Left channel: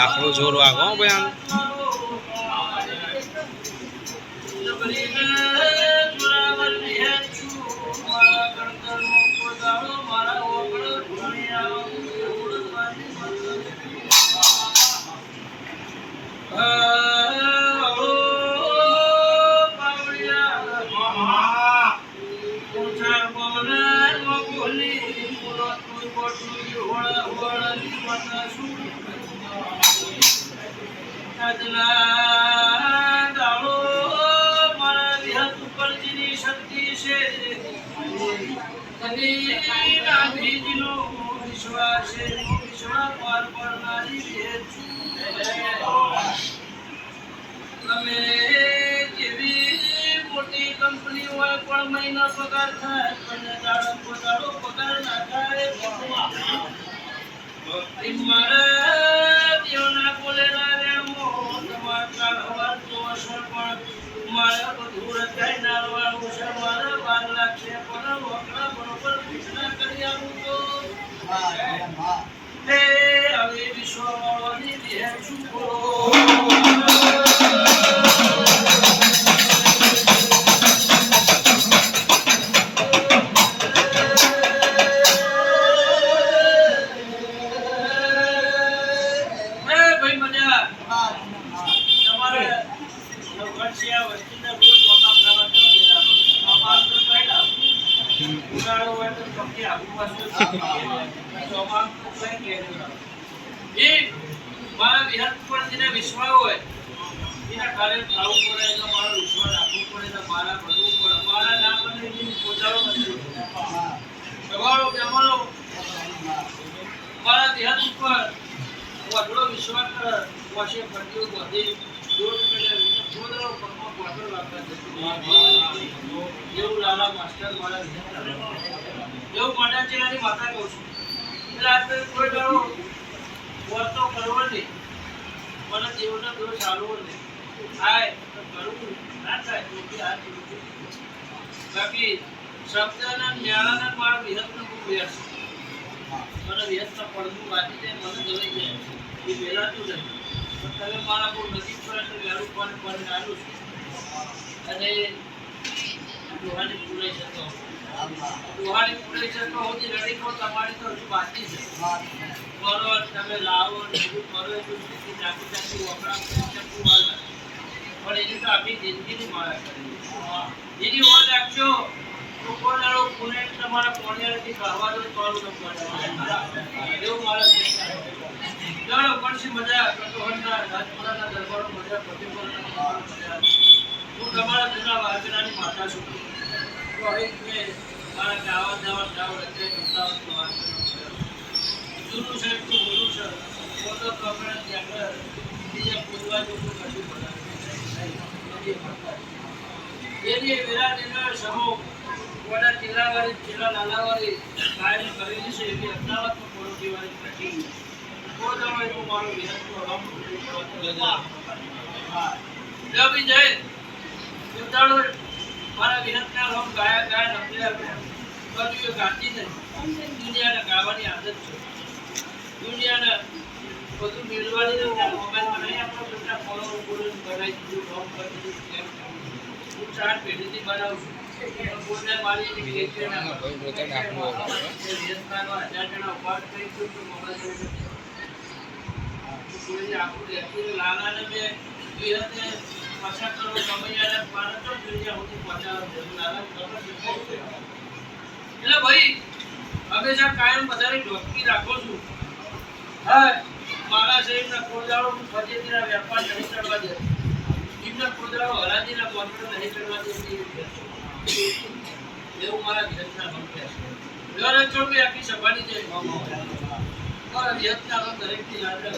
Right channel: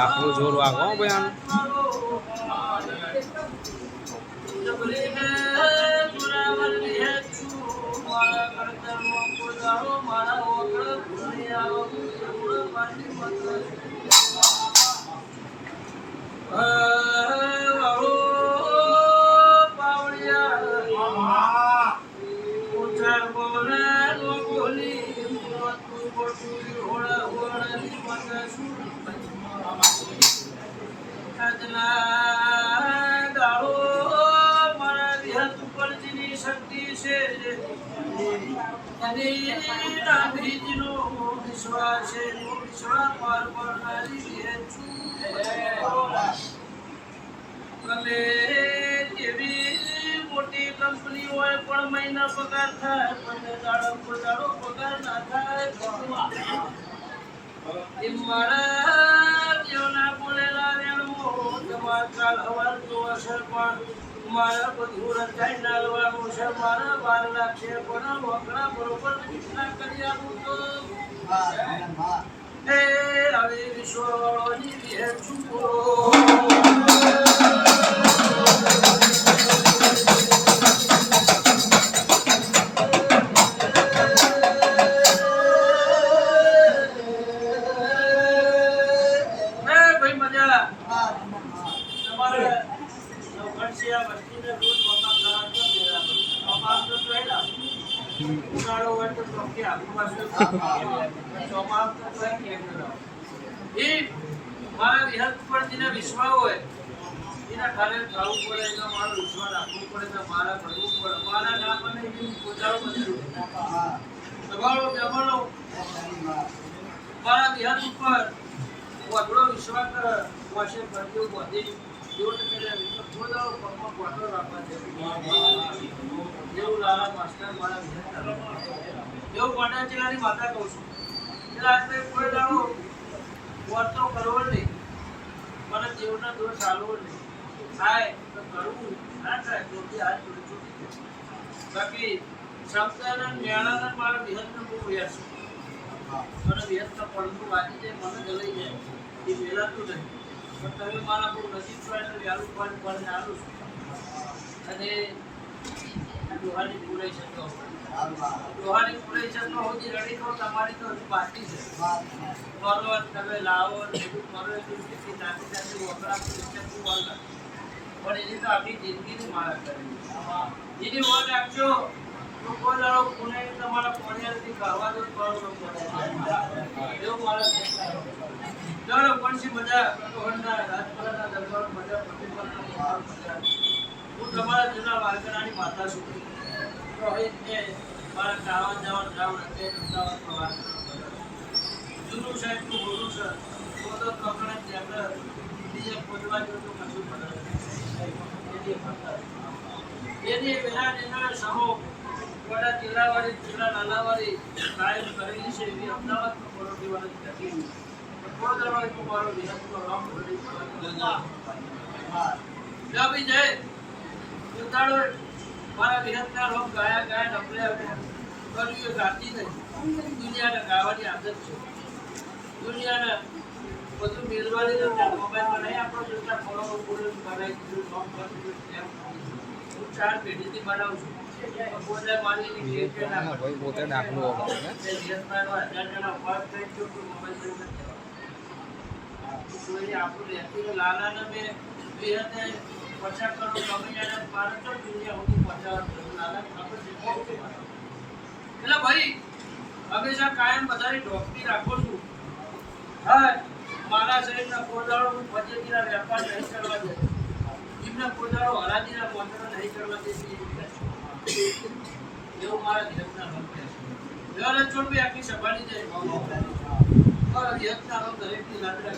આપણું જોર વાગો ભાઈ આમ મોટી કંપની હોય પણ મહિના પગાર થાય પણ દાડો પગાર ના થાય મારા દેવના બોલેલા રેણમો તમાર કાલ હવાર તો હશે પણ મારા બધું રચાઈ નાલવાનું છે મારા 12 લાખ છે પણ વકડા બરોબર પૂછના કરી આપું તો હે હવે વિશ્વની દેહ છૂટો મારા વિહત પર જેને વિશ્વાસ હોય એના કાલે ખાવું પડે એનો મારો વિશ્વાસ રાખવું પડે મારા ભરવું પડે મારા ના બને એની પોતાનો નથી તમારો જમાનો મારા વિહત ઉપર વધડો વિશ્વાસ કરે વશે ભરતીઓ બધી જોડ કરે પોતાનો પગમાં બોટલ રાખવા એવું લાલા માસ્ટર મારા વિહત એવું મોટા જિલ્લાની માતા કહું છું એટલે આપણે કોઈ દાડો વર્તો કરવો નહીં મને દેવના દોષ ચાલવો નહીં થાય તો કરવું ના થાય તો બી આ જોડું બાકી શબ્દના ન્યાળાના મારા વિહતનો બહુ વ્યાસ મને વિહતના પડતું વાંચી જાય મને ગલાઈ જાય એ મેળાતું નહીં પણ તમે મારા બહુ નજીક છો એટલે વ્યારું પણ આલું છું અને દોહાની પૂરાઈ જતો દોહાની પૂરાઈ જતો હોતી રડી કહો તમારી તો હજુ બાકી છે કરો તમે લાવો બધું કરો એટલું સ્થિતિ નાખી નાખી વપરા કરી શકું વાળા પણ એની તો આપણી જિંદગીની મારા કરી એની ઓર રાખજો તો કોઈ દાડો પુણે તમારા પોણિયાથી કહેવા દો તો એવું મારા ચાલો પણ મજા કટોહરના રાજપુરાના દરબારમાં મજા પ્રતિપલના મજા હું તમારા જૂના વારકરાની માતા છું તો હવે મેં મારા ગાવા જાવ રચે અમદાવાદમાં વાત જૂનું છે એટલું બોલું છે પોતો પકડે આપણે બીજા ખોદવા જેવું કશું પડે એની વિરાટીના સમૂહ વડા જિલ્લાવાળી જિલ્લા નાનાવાળી કાયમ કરેલી છે એવી અમદાવાદમાં પરોટીવાળી પેટી પોતાનો એટલું મારો વિહતનો રામ બી જાય ઉતાળો મારા વિહતના રોમ ગાયા નકલે કર્યું ગાતી નથી દુનિયાને ગાવાની આદત છે દુનિયાને બધું મેળવાની નથી મોબાઈલમાં નહીં આપણો બધા ફોલો બનાવી દીધું કામ કરી દીધું હું 4 પેઢીથી બનાવું છું પોતે મારી પોતે નાખવું કોઈ આપણું વ્યક્તિને લાલાને મેં વિહતે 50 કરોડ કમૈયાને 500 દુનિયા સુધી પહોંચાડવા લાલા ખબર એટલે ભાઈ હંમેશા કાયમ બધાની ઢોકકી રાખો છું હા મારા સાહેબના કોદાળો ફજેતીના વેપાર નહીં ચડવા દે એમના કોદાળો હરાજીના મોટરો નહીં ચડવા દે એવું મારા વિહતના મંત્રી છે દર ચોટવી આખી સભાની જાય મારા વિહતના દરેકની લાદરા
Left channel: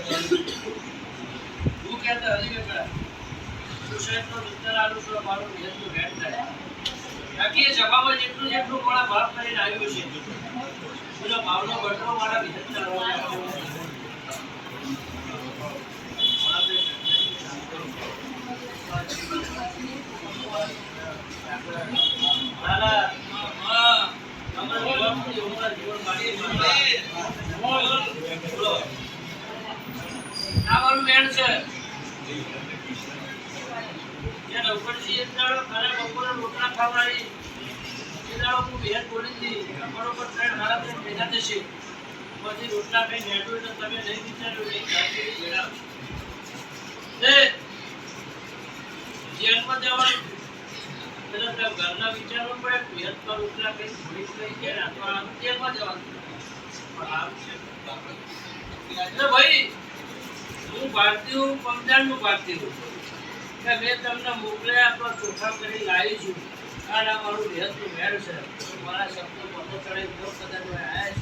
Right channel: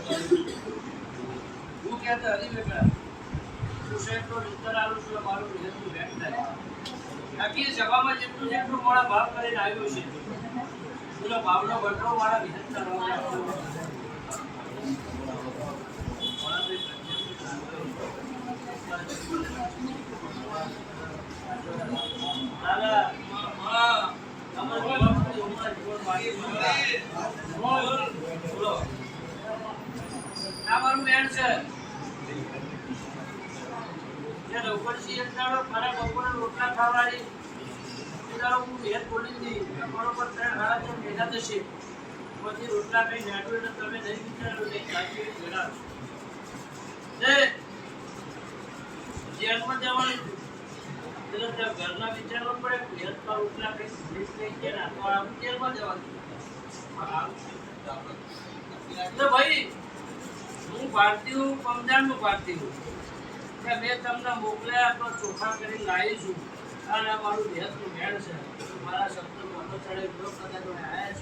હું કહેતા હજી બેટા સુશેટનો ઉત્તર આલું છું મારું વિહતનું ભેટ થાય આખી સભામાં જેટલું મારા ભાવ કરીને આવ્યું છે એનો ભાવનો બટરો મારા વિહતના લાલા અમારા જીવન મારી બોલો આ મારું દાડો ઘરે બપોરે રોટલા ખાવાળી એ દાડો હું ભેદ બોલી હતી બરોબર 3-3:30 ભેગા થશે પછી રોટલા ખાઈ નેટું એટલે તમે નહીં વિચારો નહીં કાચી ભેડા જેલમાં જવાનું એટલે ઘરના વિચારવું પડે ભેદ પર રોટલા ખાઈ ભૂલી ખાઈ કે ના તો આમ જેલમાં જવાનું પણ આમ છે એટલે ભાઈ હું ભારતીય હું પંજાબનું ભારતીય હું કે મેં તમને મોકલ્યા તો ચોખા કરી લાવી છું અને આ મારું ભેદનું મેળ છે મારા શબ્દ મોટો ચડે જો કદાચ આવ્યા છે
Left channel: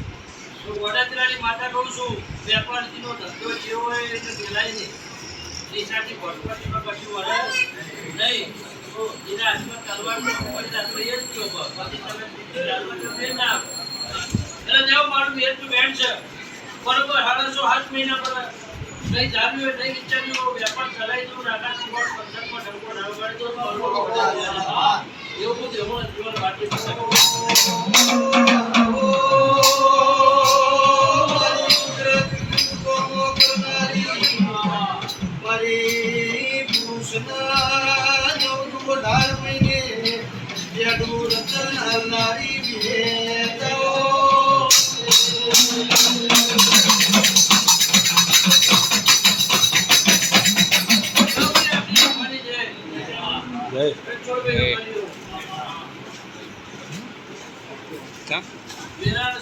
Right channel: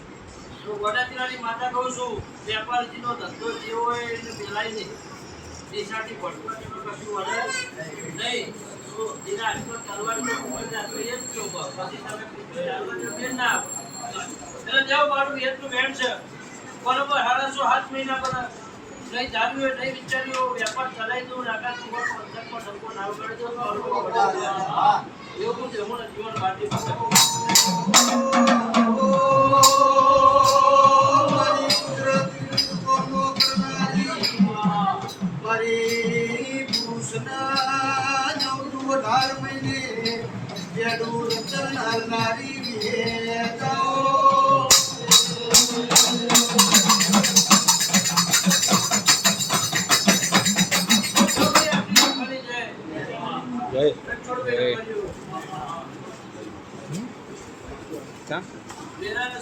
તો વડાચરાની માતા કહું છું વેપારીનો ધંધો જેવો હોય એટલે પેલાય નહીં દેશાથી ભટપટીનો કશું વળે નહીં તો એના હાથમાં તલવાર તો કોઈ રાખો એ જ કહો પછી તમે ચાલવા ના આપો એટલે જાઓ મારું ભેદનું મેળ છે બરોબર 7.5 મહિના પર નહીં જામ્યું હોય નહીં વિચાર્યું વેપાર ચલાવી દઉં રાકા સુવર પંથકમાં ઢંકો ના ઉગાડી દઉં એવું બધું એવું જીવન વાટી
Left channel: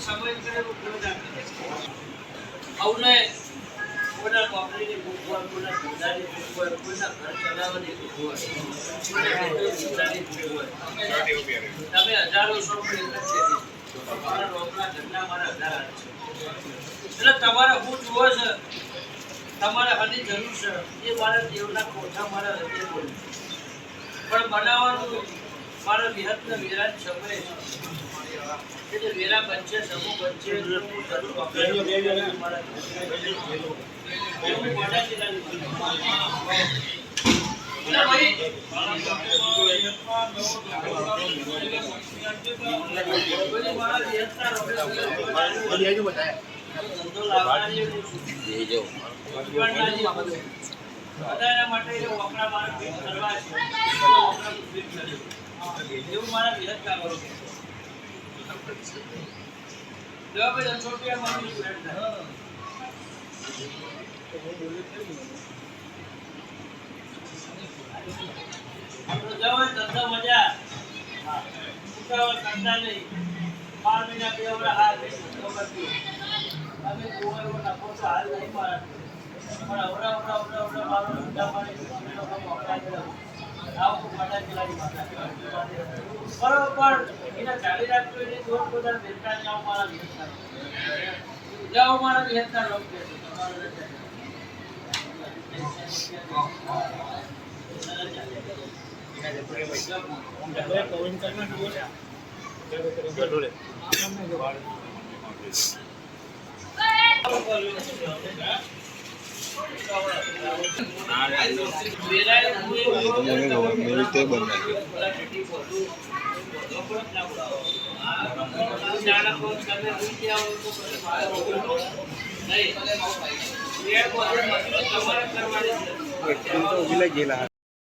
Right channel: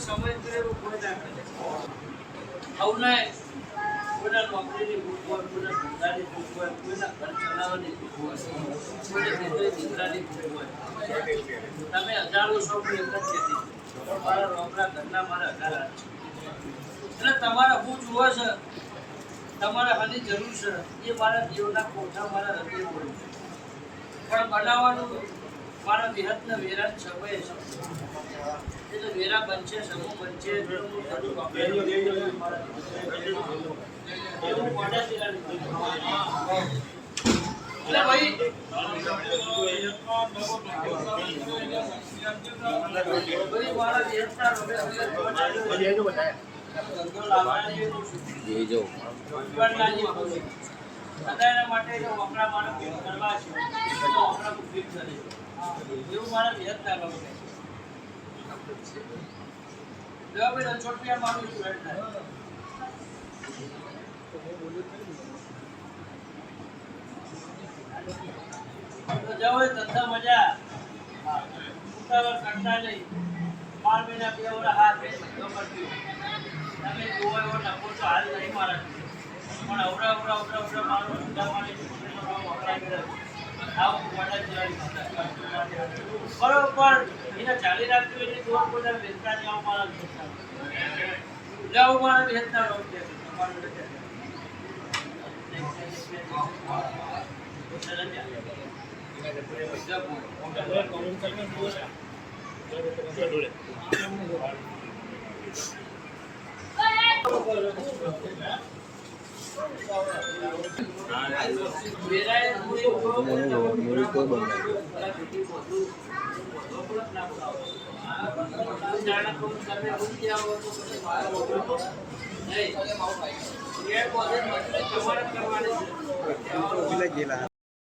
સમય કરેલું કોઈ ના કરે આવું કોઈના નોકરીની ભૂખ હોય કોઈના ધંધાની ભૂખ હોય કોઈના ઘર ચલાવવાની ભૂખ હોય કોઈના દીકરાની ભૂખ હોય તમે હજારો સો પણ એક જ છે મારા નોકરા ઘરના મારા 1000 છે એટલે તમારે હું જુઓ છે તમારે હાની જરૂર છે એ મારા જીવના કોઠા મારા હૃદય બોલે પણ બનાવવાનું મારા વિહતના વેરા સમય છે એ તો વેરા બનશે સમૂહ બનશે જરૂર મારા એવું મોટા જિલ્લાની એટલે ભાઈ મારા વિહતના ધંધો લાવવાની એના માટે વપરા મારે કરવા છે એવું મારા વિહત ના કરો જાઓ ધંધા મજા કરતા નહીં 5 મહિના 2 વર્ષ હાથ ધંધો કરતી તમે જુઓ એવો નફો તો હાલ નહીં મારા પણ અવરા મારો ધંધા માટે વપરા કર્યો બરોબર એને ચાલી રાખજો એટલે દોર બધા વેચતા જાઓ મારા વેચતા જાઓ મારા વેચતા લોક કે તમારે કરવાની